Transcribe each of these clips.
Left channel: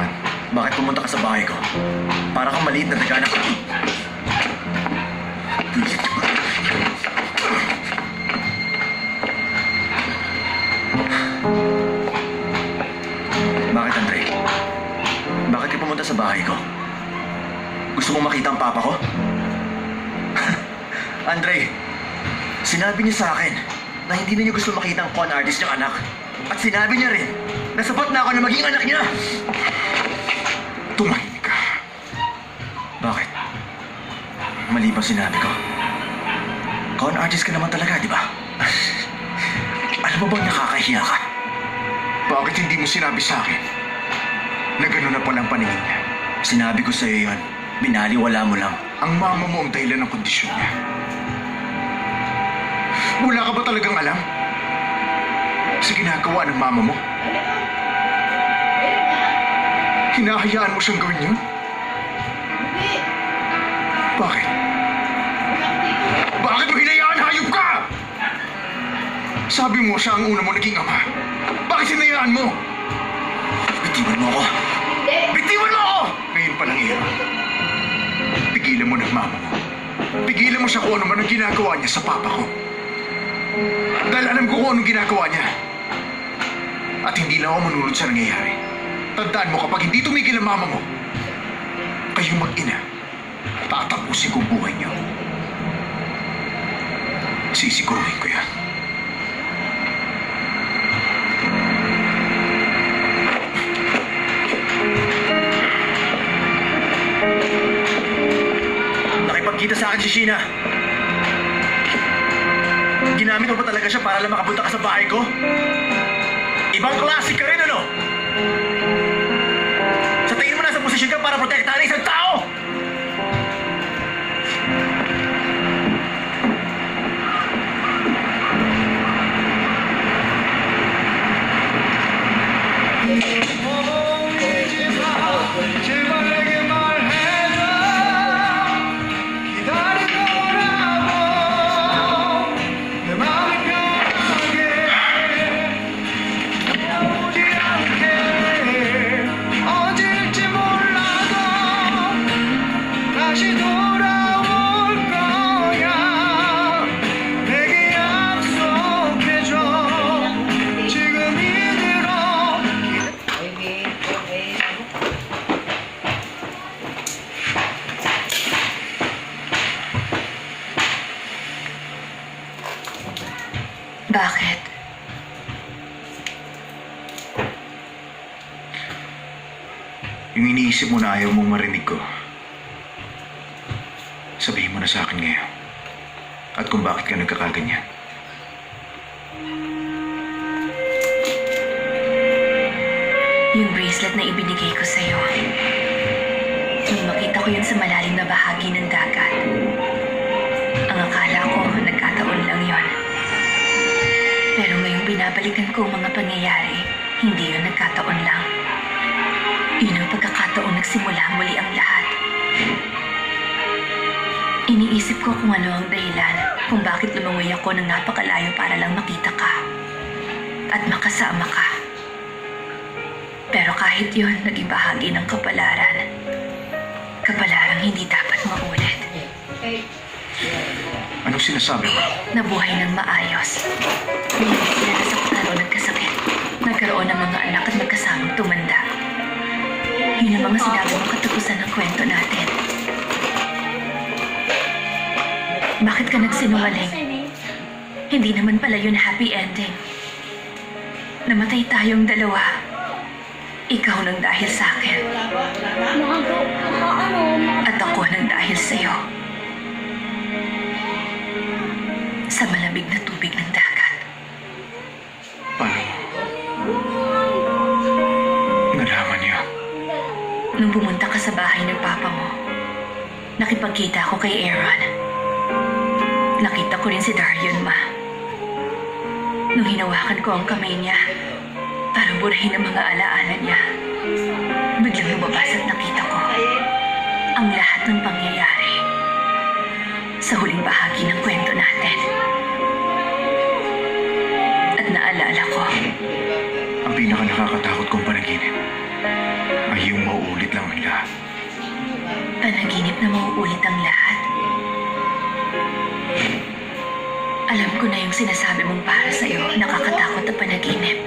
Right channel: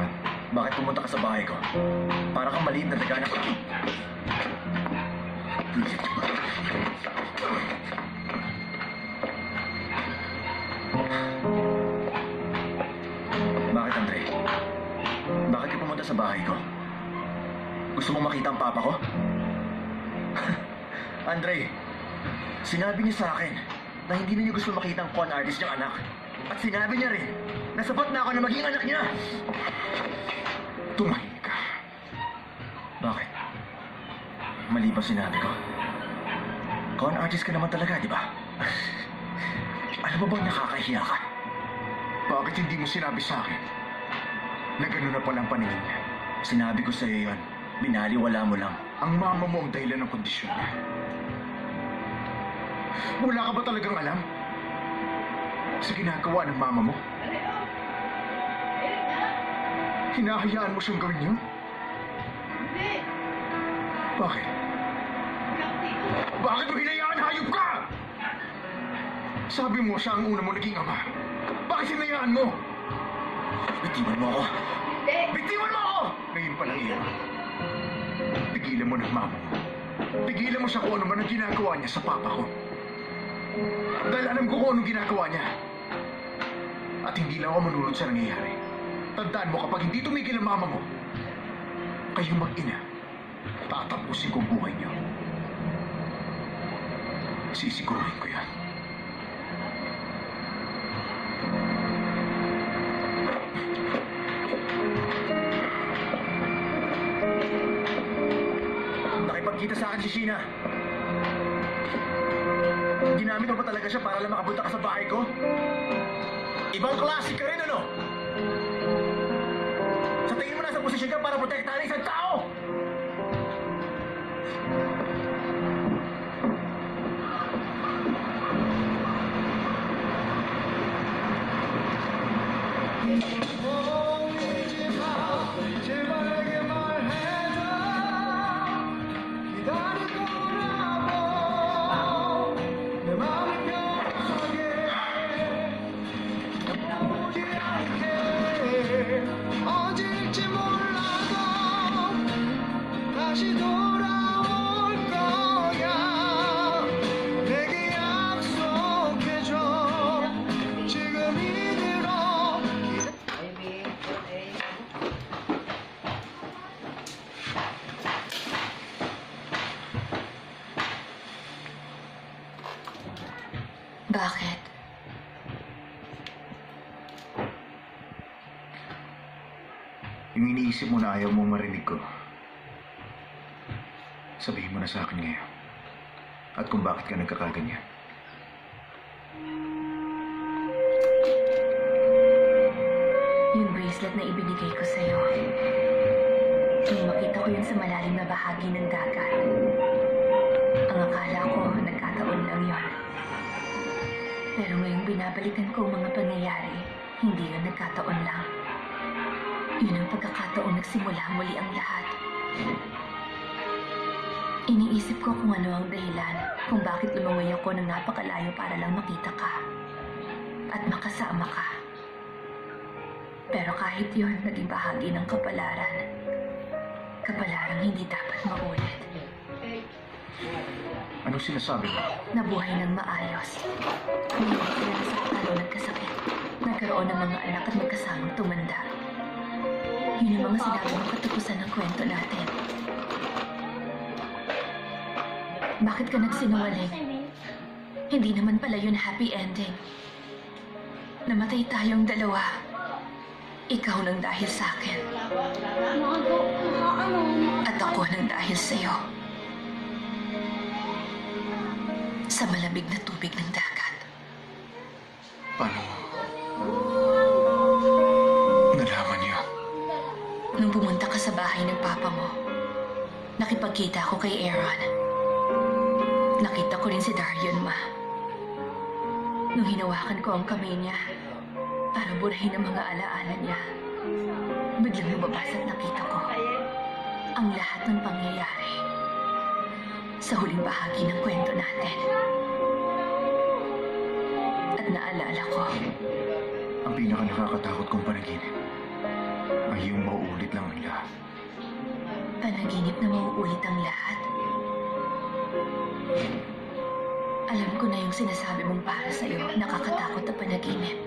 naman? Bakit pumunta ka sa bahay ko? Para kang maliit na nagkaanak ka. Bakit, Andre? Bakit ka pumunta sa bahay ko? Gusto mong makita ang papa ko? Andre, sinabi niya sa akin na hindi na niya gusto makita ang con artist niyang anak. At sinabi niya rin na sapat na ako na maging anak niya. Tumahimik ka. Bakit? Mali ba sinabi ko? Con artist ka naman talaga, di ba? Alam mo bang nakakahiya ka? Bakit hindi mo sinabi sa akin na gano'n na palang paningin niya? Sinabi ko sa'yo yun. Binaliwala mo lang. Ang mama mo ang dahilan ng kondisyon niya. Wala ka ba talagang alam sa ginagawa ng mama mo? Hinahayaan mo siyang gawin yun? Bakit? Bakit mo hinayaan? Hayop ka! Sabi mo siya ang una mo naging ama. Bakit hinayaan mo? Bitiwan mo ako. Bitiwan mo ako! Ngayon pa lang, Ira. Pigilan mo ng mama mo. Pigilan mo siya kung ano man ang ginagawa niya sa papa ko. Dahil alam ko kung anong ginagawa niya. At hindi lang ako manunod sa nangyayari. Tandaan mo, kapag hindi tumigil ang mama mo, kayong mag-ina, tatapusin ko ang buhay niyo. Sisiguruhin ko yan. Nakipagkita sa akin si Sheena. Ginamit mo ba talaga siya para lang makapunta ka sa bahay ko? Ibang klase ka rin, ano? Sa tingin mo nasa posisyon ka para protektahan isang tao! Bakit? Yung iniisip mo na ayaw mong marinig ko, sabihin mo na sa akin ngayon. At kung bakit ka nagkakaganyan. Yung bracelet na ibinigay ko sa'yo. Nung makita ko yun sa malalim na bahagi ng dagat. Ang akala ko, nagkataon lang yon. Pero ngayong binabalikan ko ang mga pangyayari, hindi yun nagkataon lang. Yun ang pagkakataon nagsimula muli ang lahat. Iniisip ko kung ano ang dahilan kung bakit lumangoy ako ng napakalayo para lang makita ka at makasama ka. Pero kahit yun, naging bahagi ng kapalaran. Kapalarang hindi dapat maulit. Anong sinasabi mo? Nabuhay ng maayos. Hindi sila nasaktan o nagkasakit. Nagkaroon ng mga anak at magkasamang tumanda. Yun ang mga sinabi mong katapusan ng kwento natin. Bakit ka nagsinungaling? Hindi naman pala yun happy ending. Namatay tayong dalawa. Ikaw nang dahil sa akin. At ako nang dahil sa'yo. Sa malamig na tubig ng dagat. Paano mo? Nalaman niya. Nung pumunta ka sa bahay ng papa mo, nakipagkita ako kay Aaron. Nakita ko rin si Darion, ma. Nung hinawakan ko ang kamay niya, para burahin ang mga alaala niya, biglang lumabas at nakita ko ang lahat ng pangyayari sa huling bahagi ng kwento natin. At naalala ko, Ang pinaka nakakatakot kong panaginip ay yung mauulit lang ang lahat. Panaginip na mauulit ang lahat. Alam ko na yung sinasabi mong para sa'yo, nakakatakot na panaginip.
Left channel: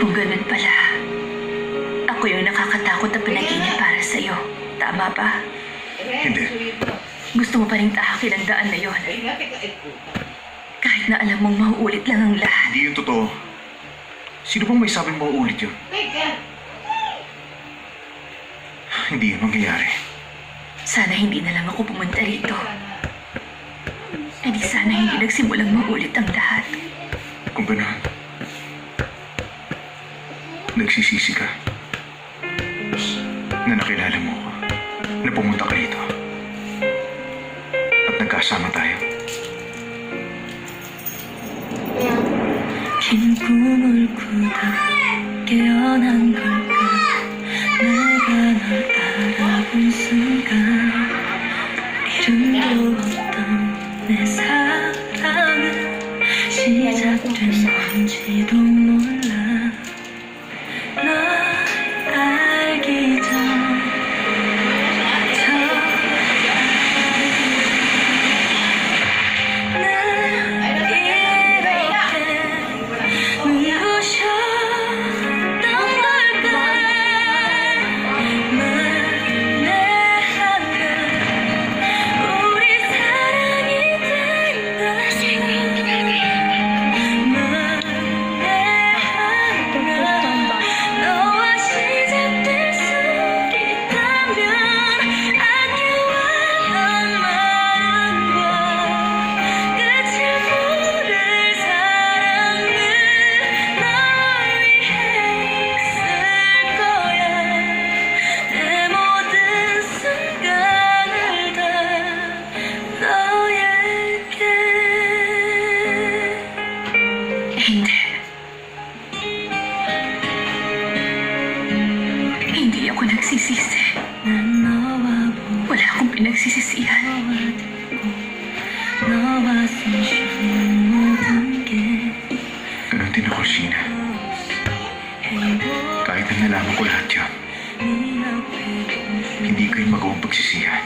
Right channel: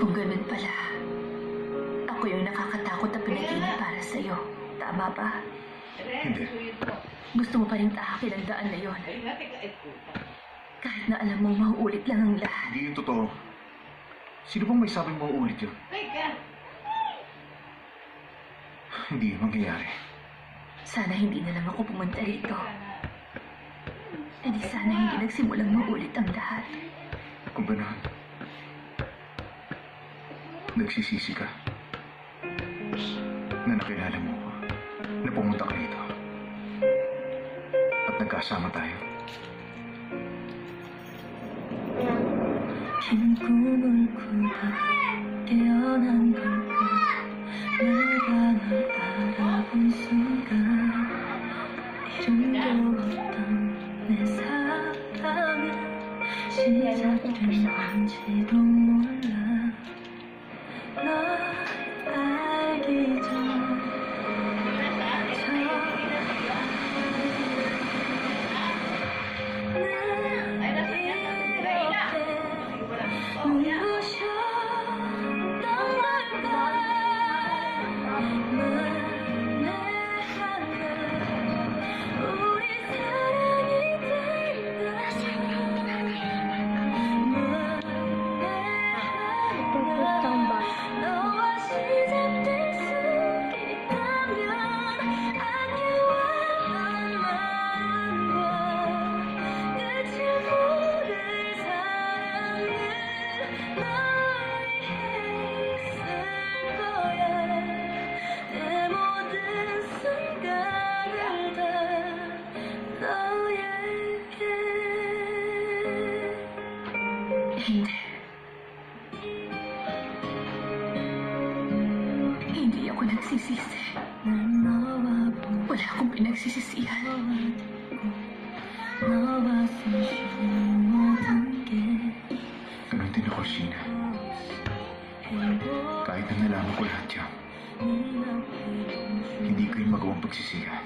Kung ganun pala, ako yung nakakatakot na panaginip para sa'yo. Tama ba? Hindi. Gusto mo pa rin tahakin ang daan na yon. Kahit na alam mong mauulit lang ang lahat. Hindi yung totoo. Sino bang may sabing mauulit yun? Hindi yun mangyayari. Sana hindi na lang ako pumunta rito. E di sana hindi nagsimulang maulit ang lahat. Kung gano'n, nagsisisi ka na nakilala mo ko, na pumunta ka rito at nagkasama tayo. 긴 꿈을 꾸다 깨어난 걸까 내가 널 알아본 순간 이름도 없던 내 사랑은 시작된 건지도 몰라 널 알기 전부터 Hindi. Hindi ako nagsisisi. Wala akong pinagsisisihan. Ganon din ako, Sheena. Kahit na nalaman ko lahat yun, hindi ko yung magawang pagsisihan.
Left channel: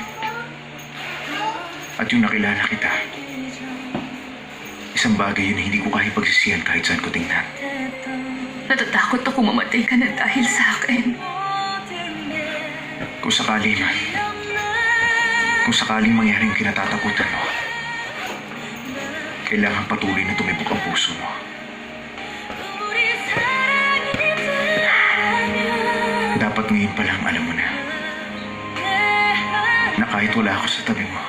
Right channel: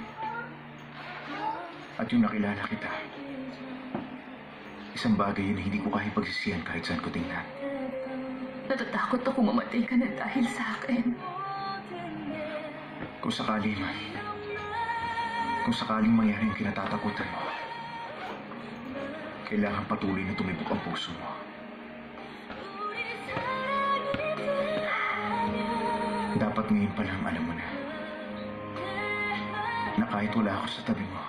At yung nakilala kita, isang bagay yun na hindi ko kaya pagsisihan kahit saan ko tingnan. Natatakot ako mamatay ka na dahil sa akin. Kung sakali man, kung sakaling mangyari yung kinatatakutan mo, kailangan patuloy na tumibok ang puso mo. Dapat ngayon pa lang alam mo na kahit wala ako sa tabi mo,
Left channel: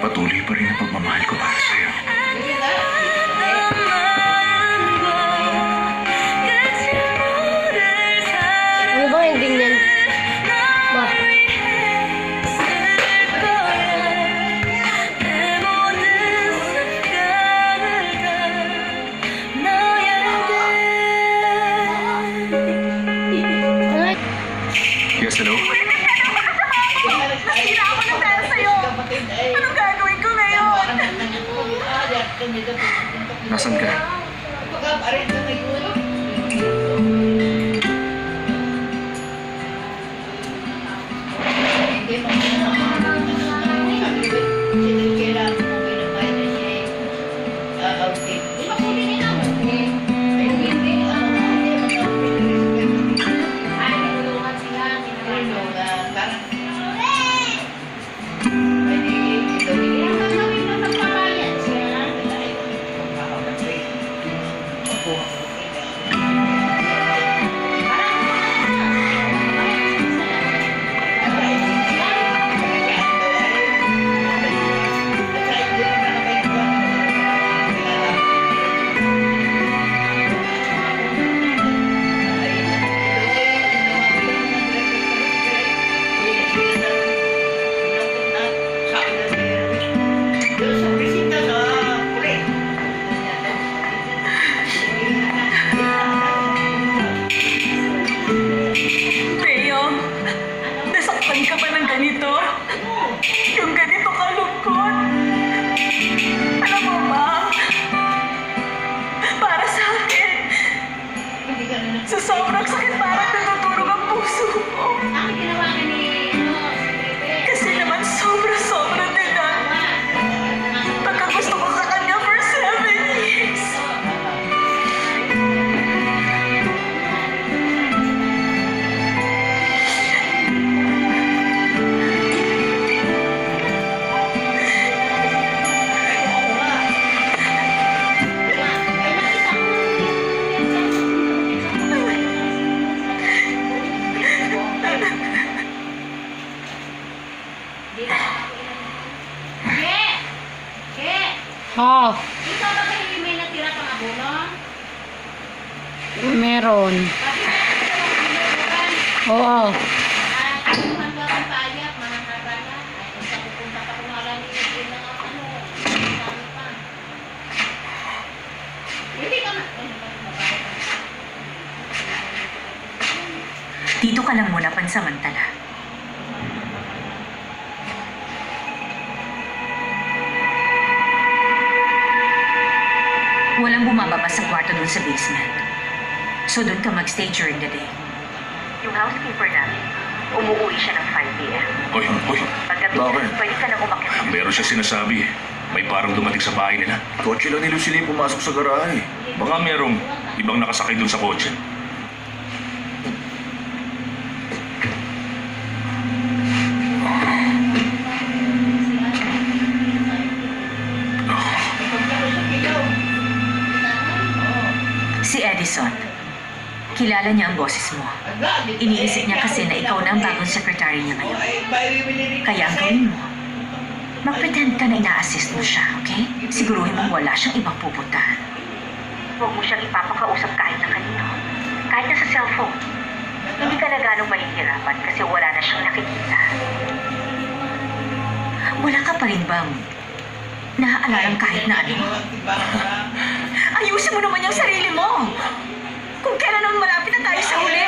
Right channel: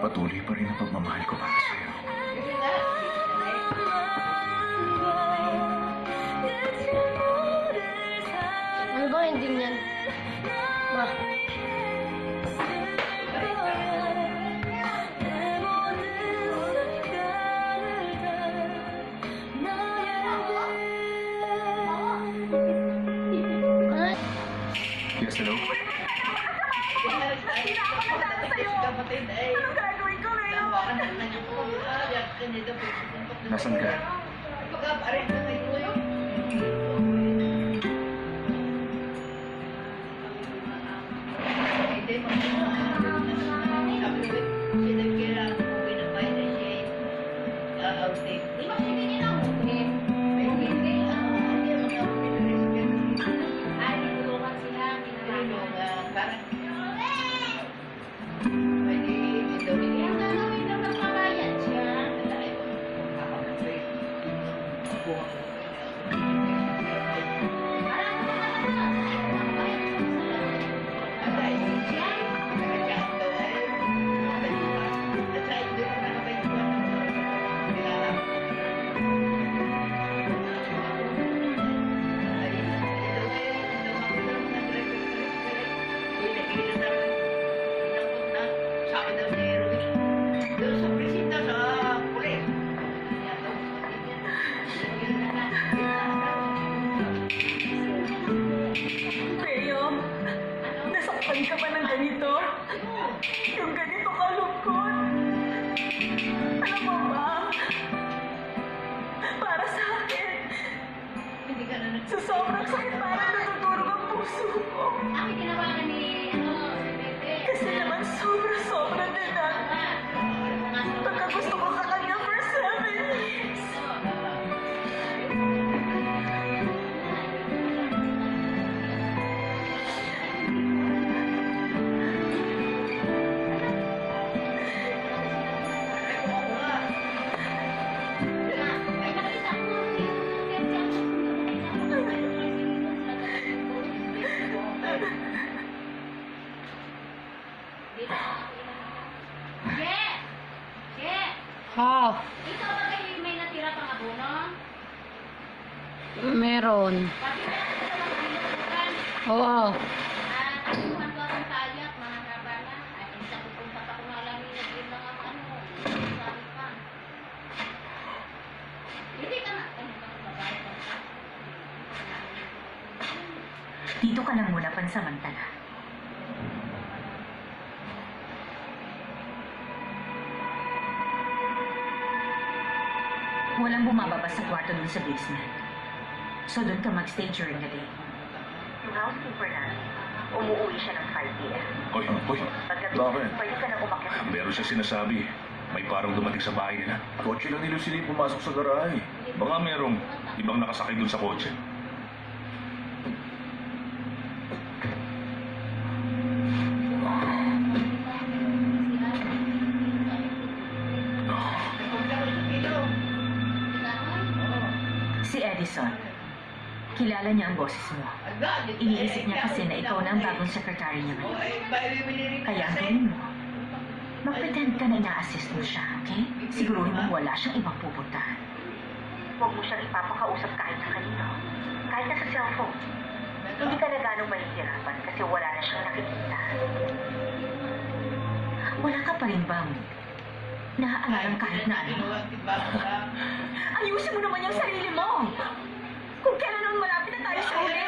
patuloy pa rin ang pagmamahal ko para sa'yo. Ano ba ending niyan? Ba? Yes, hello? Anong gagawin ko ngayon? Nasaan ka? Ako. Sa sobrang sakit parang natutulog ang puso ko. Kasi naman sobra-sobra din ang pagkagusto ko sa kanya for 7 years. Oh, Ito ba kayo may natira pang abono? meron. Oo. Ang batang paayak, mga kabana. Ay, sa pupunta pa kung alam niyo din ng ano. Sabi pa. Hindi ka na. Dito ka lang muna pansamantala. Walang bumababa sa kwarto dun sa basement. So dun ka magstay during the day. Yung housekeeper namin, umuwi siya ng 5 p.m. Hoy, Paggabi Bakit? na, pwede ka na umakyat. meron siya sinasabi. May parang dumating sa bahay nila. Kotse lang ni Lucille yung pumasok sa garahe. Baka merong ibang nakasakay dun sa kotse. Si Edison. Kilala niya ang boses mo. Iniisip niya kasi na ikaw na ang bagong secretary niya ngayon. Kaya ang gawin mo, mag-pretend ka na ina-assist mo siya, okay? Siguruhin mong wala siyang ibang pupuntahan. Huwag mo siyang ipapakausap kahit na kanino. Kahit na sa cellphone. Hindi ka na ganong mahihirapan kasi wala na siyang nakikita. Wala ka pa rin bang naaalarang kahit na ano? Ayusin mo naman yung sarili mo! Kung kailan naman malapit na tayo sa huli!